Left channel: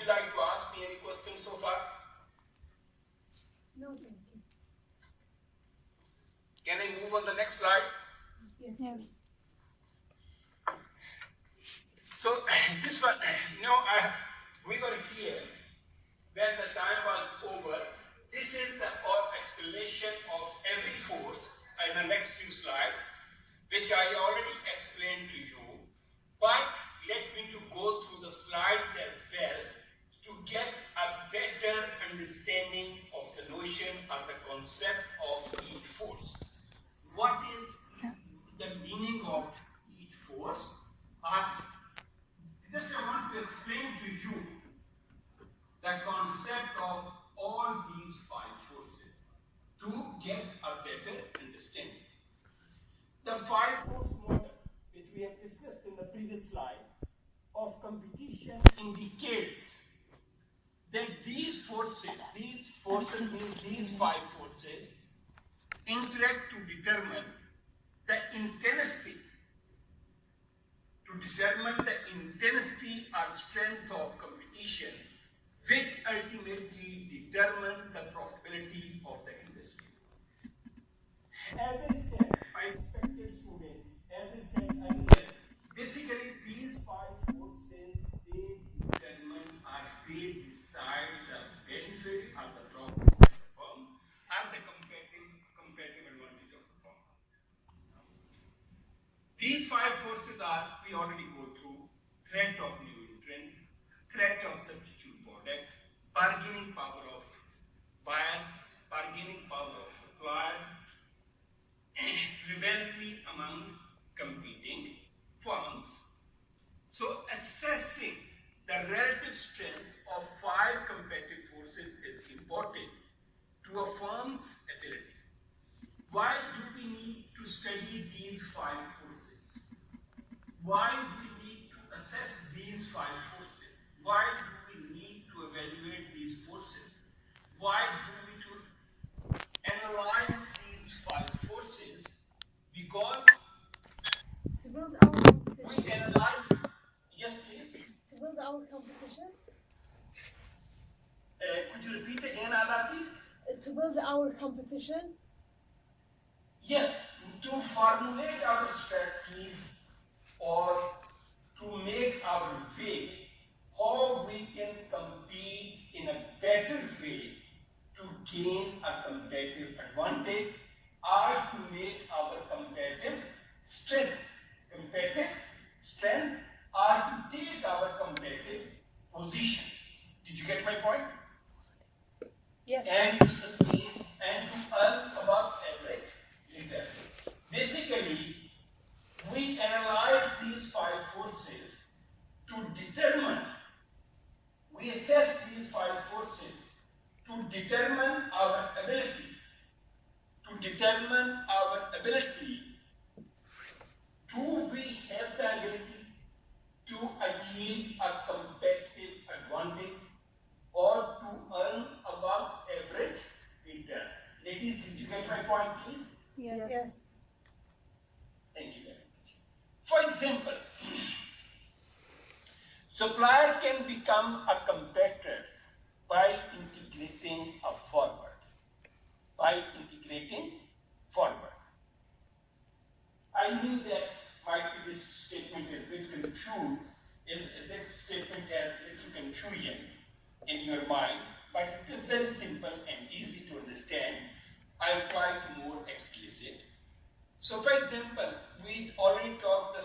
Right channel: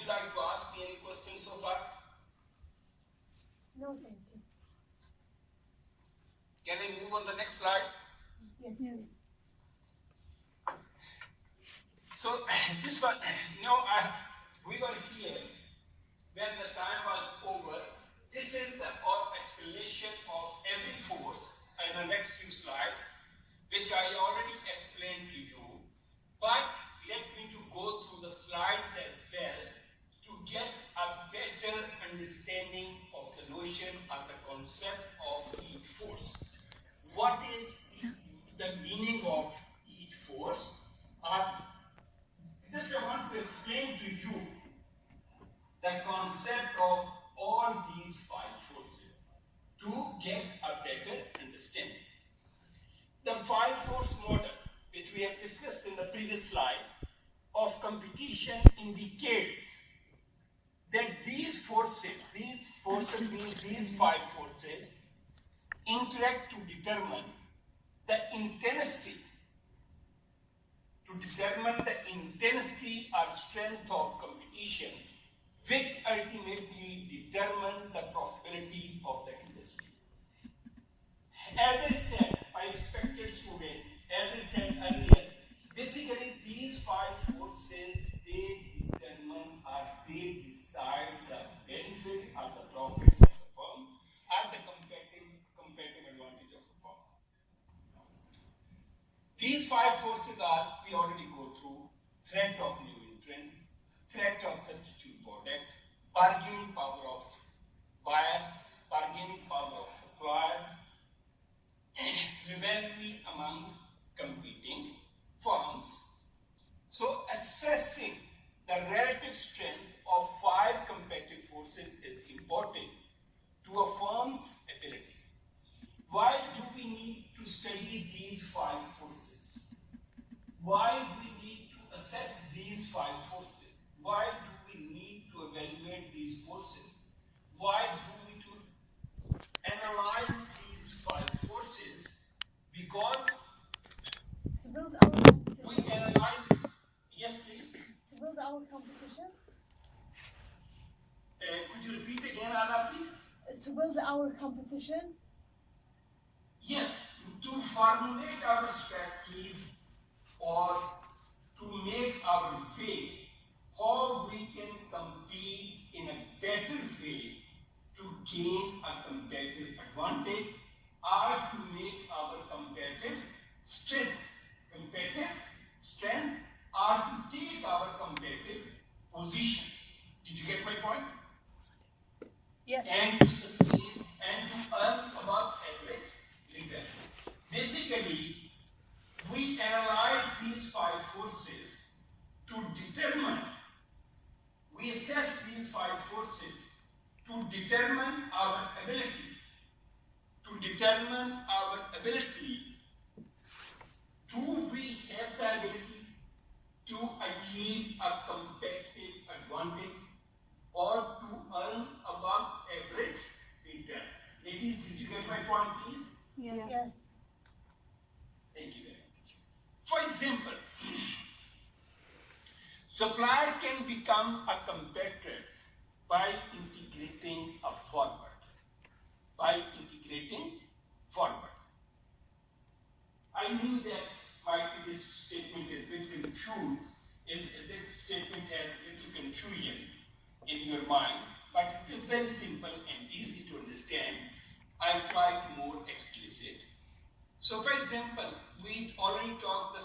you like to ask me any questions so far? No, thank you. Can I move on the next slide? Yes. So this one, we got here when the time was over. This is the explanation of every force in the next few slides, which I already explained to you. But let me to go through the slides as well to get a better understanding of the notion or the concept of heat force. What is the meaning of heat force? Just I want to explain to you the concept of all these five forces to get a better understanding. The five-force model, which we have discussed in the previous slide, of competition indicates that these forces means these five forces, interact to determine the intensity or strength of competition, which ultimately determine the profitability of the industry. As I said, my respected students, as I said earlier, basically these five forces, they determine or they decide the benefit or the profit of the firm and the competitive advantage of the firm. These five forces are, we already go through, threat of new entrant, threat of substitute product, bargaining power of buyers, bargaining power of suppliers, rivalry among competing firms. So assessing the relative strength of five competitive forces is important to a firm's ability. Why do we need to study these five forces? Why do we need to assess these five forces? Why do we need to evaluate these forces? Why do we need to analyze these five forces? Because To build our competition. we analyze, yes please. To build our competition. Could you repeat again, Ala, please? To build our competition. Yes, to formulate our strategies or to make our way, how we can compete in a better way to gain a competitive advantage or to make our competitive strength or to take our competitive position. Did you get my point? Yes. And to sustain and to earn above average return. Basically, we analyze these five forces to determine, we assess these five forces to determine our ability, do we have the ability to achieve a competitive advantage or to earn above average return. Ladies, did you get my point, please? Yes. Thank you very much. For example, supplier can become a competitor by integrating forward. I knew that my previous statement is a bit confused. That statement has a little confusion in your mind, but it is very simple and easy to understand. I'll try to be more explicit. So for example, we already talked the